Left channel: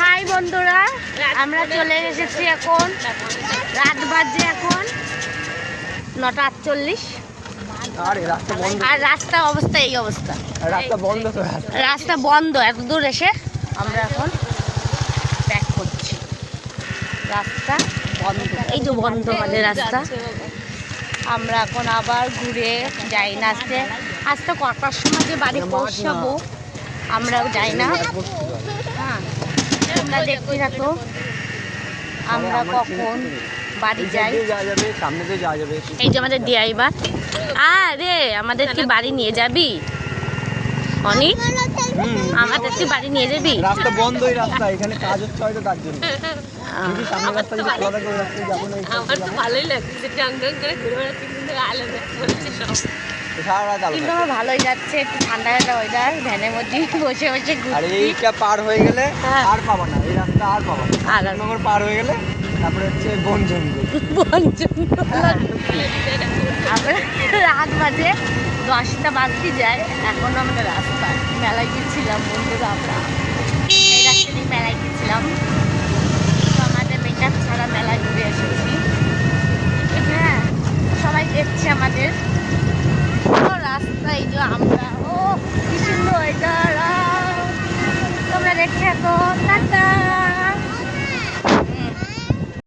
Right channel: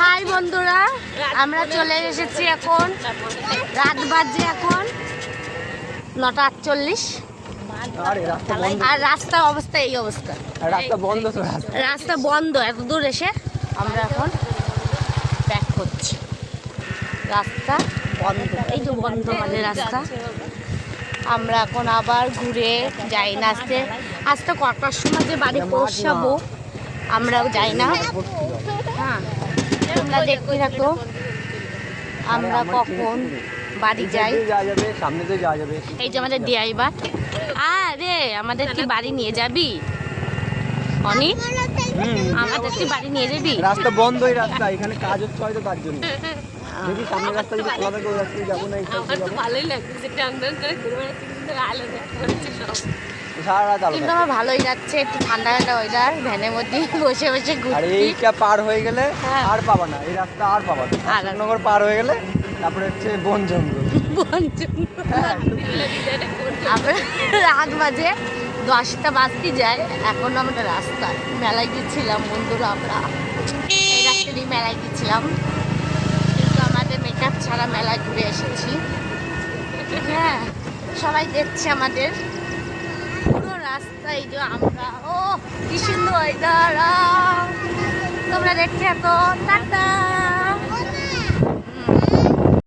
High বন্ধুরা, আমরা চলে এসেছি এখন, রাত বাজে এখন 9:48। আর রাস্তার অবস্থা এই অবস্থা, রাস্তা বন্ধ। এত দূর এসে আমরা এখন ব্যাক করছি, রাস্তা বন্ধ। এই যে বন্ধ আমাদের রাস্তা। আমরা এখন আবার ঘুরে যাই না। আজকে কটার সময় যে বাড়ি পৌঁছাবো আমরাও যাই না। হ্যাঁ, তোমরা দেখতে থাকো আমরা কখন বাড়ি যাই। এই যে আমাদের ড্রাইভার। আরে আমাদের কি বাড়ি নিয়ে যাবি অনিক? আমাদের কি বাড়ি নিয়ে যাবি? রাস্তা বন্ধ, এই রাস্তা এখানে কাজ হচ্ছে হয়তো তার জন্য। যদি সামনে রাস্তা যদি খোলা থাকে ওই রাস্তায় যাবো না। আমার তো ভালোই লাগছে, টাং টাং করে ঘুরে বেড়াচ্ছি, কিন্তু আলো দেখছে সব। কিন্তু আমার ভালোই যাচ্ছে, একটু ঠান্ডা ঠান্ডা ওয়েদার, ভ্যানের মধ্যে বসে বসে ঘুরছি। আর এইটা পার হয়ে গেলে আর পাবা না, এই রাস্তা আর পাবা না। আর নগর পার হয়ে গেলে তারপরে হচ্ছে বন জঙ্গল। বন জঙ্গল। আমরা রাত বাজে 10টা বাজতে যায়, এখন আমরা রাস্তায় মেলায় গেছিলাম বন্ধুরা। আমরা এই রাস্তা দিয়ে মেলায় গেছিলাম, কিন্তু আমাদের মেকআপ ছাড়া মেলায় ঘুরে এসেছি। হ্যাঁ, সবাই দেখছে আমাদের রাস্তায়। যে আমরা ও কি সুন্দর ওয়েদার, তোমরা দেখতে থাকো। টাটা।